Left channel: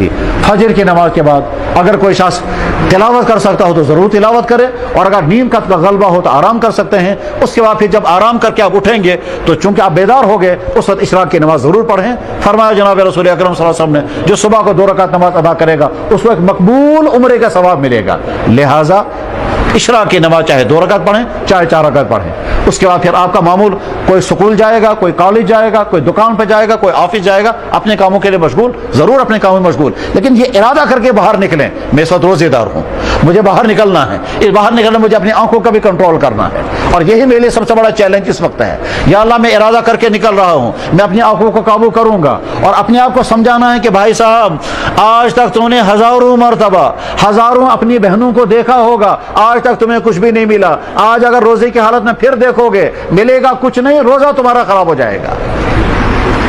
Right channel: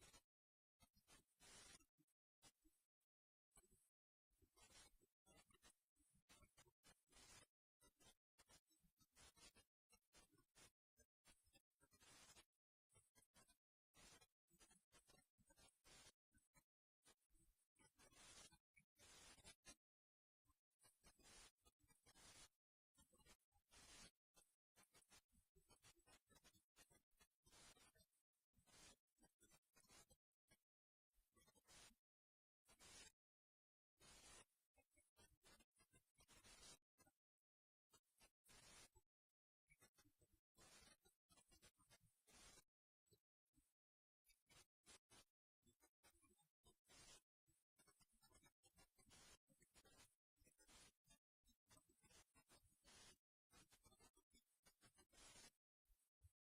थी। फजर की नमाज के बाद अगर कोई शख्स तिलावत कर सकता हो तो ज़रूर तिलावत करे, और अगर नींद का गलबा हो तो आराम कर सकते हैं। उसके बाद फिर जब आराम करके आप उठेंगे तो चूंकि आप बेदार हो गए, उस वक्त इशराक की नमाज ज़रूर पढ़ें। फरमाया जनाब रसूल अकरम सल्लल्लाहु अलैहि वसल्लम ने, जो सुबह को 2 रकात नमाज अदा करेगा उसको एक मकबूल उम्रे का सवाब मिलेगा। लिहाजा इशराक की नमाज चाहे 2 रकात पढ़ें चाहे 4 रकात पढ़ें। उसके बाद फिर आपका मामूल, कोई स्कूल जाएगा, कोई कॉलेज जाएगा, कोई दुकान पर जाएगा, कोई ऑफिस जाएगा, अपने कामों के लिए मशगूल, ज़रूर अपने कामों में मशगूल। लेकिन ये इरादा करके बाहर निकलें, मैं इस वक्त रोज़ेदार हूँ, मुझे बाहर निकलना है, इस बाहर निकलना मुझे अपनी आंखों का भी कंट्रोल करना है, और यही मेरे लिए सबसे बड़ा चैलेंज इस वक्त है। या अल्लाह, मैं इरादा करके निकल रहा हूँ, मैं अपनी आंखों को काबू करूँगा, और अपने आप को समझाना है कि भाई साहब, आज तक तुमने हज़ारों मरतबा, हज़ारों अपनी बहनों को देखा होगा, आज तक तुम्हें कुछ भी नहीं मिला। आज अगर रोजे की हालत में फिर देखोगे, मिलेगा कुछ नहीं, रोजा तुम्हारा खराब हो जाएगा।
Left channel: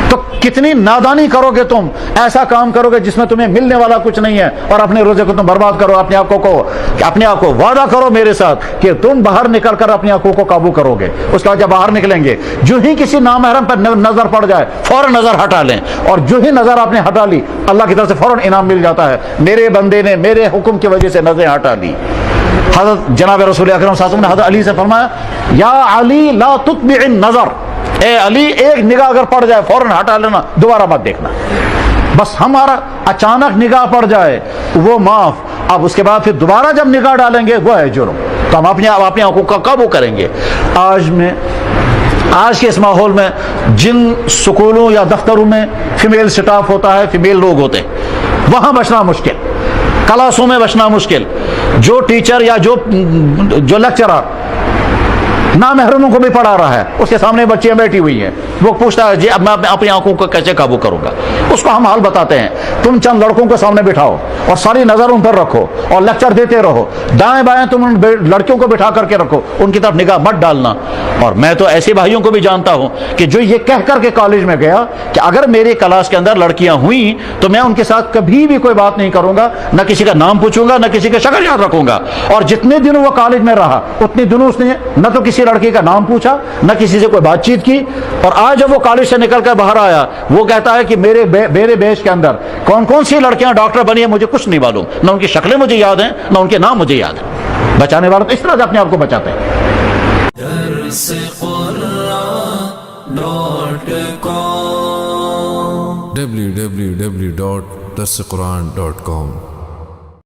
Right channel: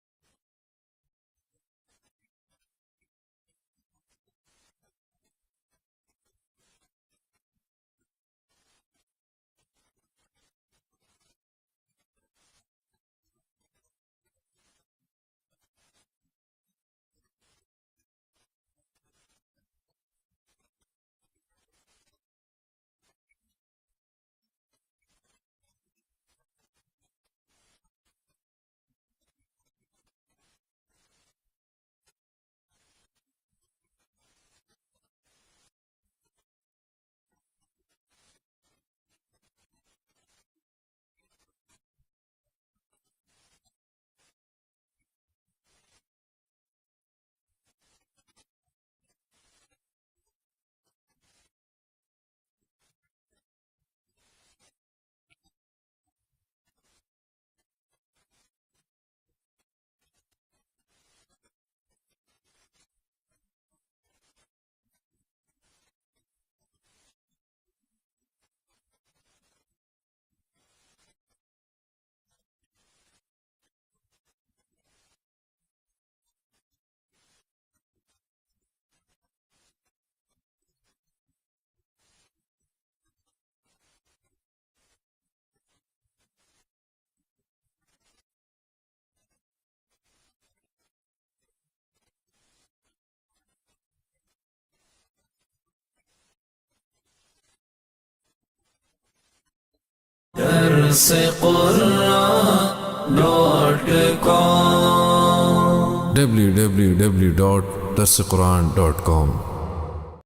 तो कितनी नादानी करोगे तुम, ऐसा काम करोगे जिसमें तुम्हें मिलने वाला कुछ नहीं है, और अपने रोजे को तुम बर्बाद करो। अपने आप को वादा करो मेरे साथ कि तुम बाहर निकल कर अपनी आंखों को काबू करोगे। उसके बाद जब बाहर निकलेंगे, जो ही किसी नामहरम पर नजर पड़ जाए फौरन नजर हटा लें, और जो ही नजर आपने हटा ली, अल्लाह की तरफ से फौरन इनाम मिल जाता है, मेरे बंदे ने मेरे हुक्म की वजह से नजरें हटा ली। हज़रत जनाब रसूल अकरम सल्लल्लाहु अलैहि वसल्लम ने हज़रत अली से फरमाया, या अली ला तुत्बिइन नज़र, ए अली, एक निगाह अगर पड़ जाए फौरन हटा लेना, दोबारा मत देखना। बस हमारा अचानक निगाह पड़ जाए वो माफ, अब उसके बाद फिर दोबारा जब निगाह डालेंगे वो है जुर्म। तो हम अपनी आंखों का काबू करेंगे। आज के इस माहौल में जिन स्कूलों या दफ्तरों में फीमेल स्टाफ होता है, फीमेल लोग होते हैं, वहाँ बचना मुश्किल, क्लासों में बचना मुश्किल। जो टीचर या जो लेक्चरर नामहरमों को भी पढ़ा रहा है, उसके सामने बच्चियां बैठी हुई हैं, वो पूछता है जी अब मैं अपनी आंखों को कैसे काबू करूंगा। उसको हम हाल बताते हैं, तुम चंद लड़कों को सामने बिठाओ और सारी नजर उन पर रखो और लेक्चर देते रहो, दाएं बाएं तुम उन लड़कियों को बिठा करके रखो, उनकी तरफ निगाह मत डालना। और मैं तो ऐसे भाइयों को भी जानता हूं कि जो ये कह करके कॉलेज में गया कि अगर मेरी क्लास के अंदर लड़कियां हुई तो मैं उनके साथ कभी भी कोई बात नहीं करूंगा, न किसी का नाम पूछूंगा, न किसी का शक्ल याद रखूंगा। और जितने दिन वो कॉलेज में रहा उतने दिनों उसने न तो किसी लड़की का नाम पूछा, न किसी से कोई बातचीत की। और आज जब वो कॉलेज से निकल कर बाहर आया, वो कहता है कि मेरे बैच के अंदर कौन कौन सी लड़कियां डॉक्टर बनी है मुझे कुछ नहीं मालूम, न उनकी शक्लें मुझे याद हैं, न उनके नाम मुझे याद है। बचाने वाले तो इस तरह से अपने आप को बचाते हैं। www.darsequran.com